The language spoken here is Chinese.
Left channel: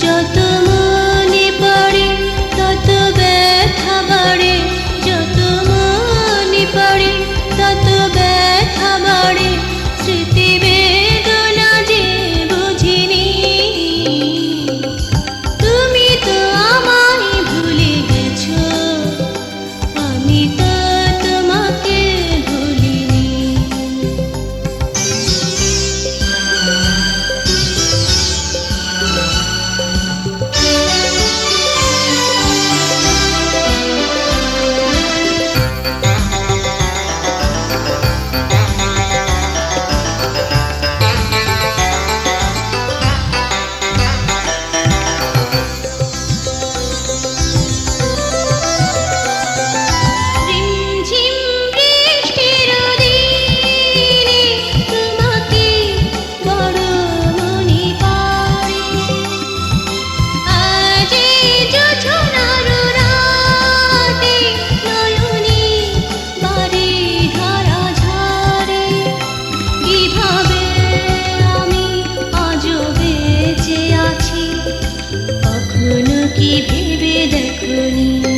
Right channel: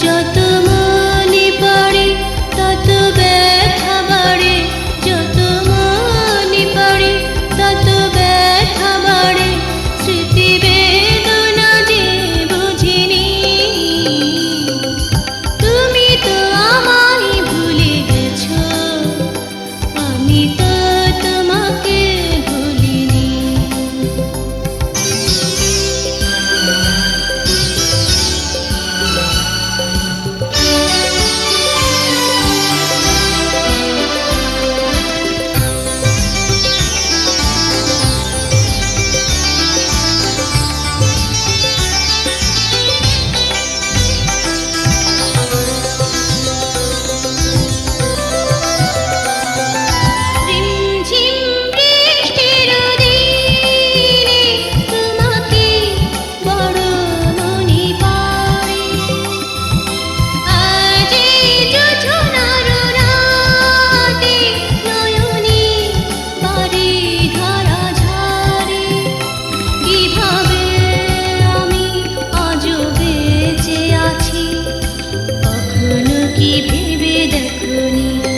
家的。Thank you.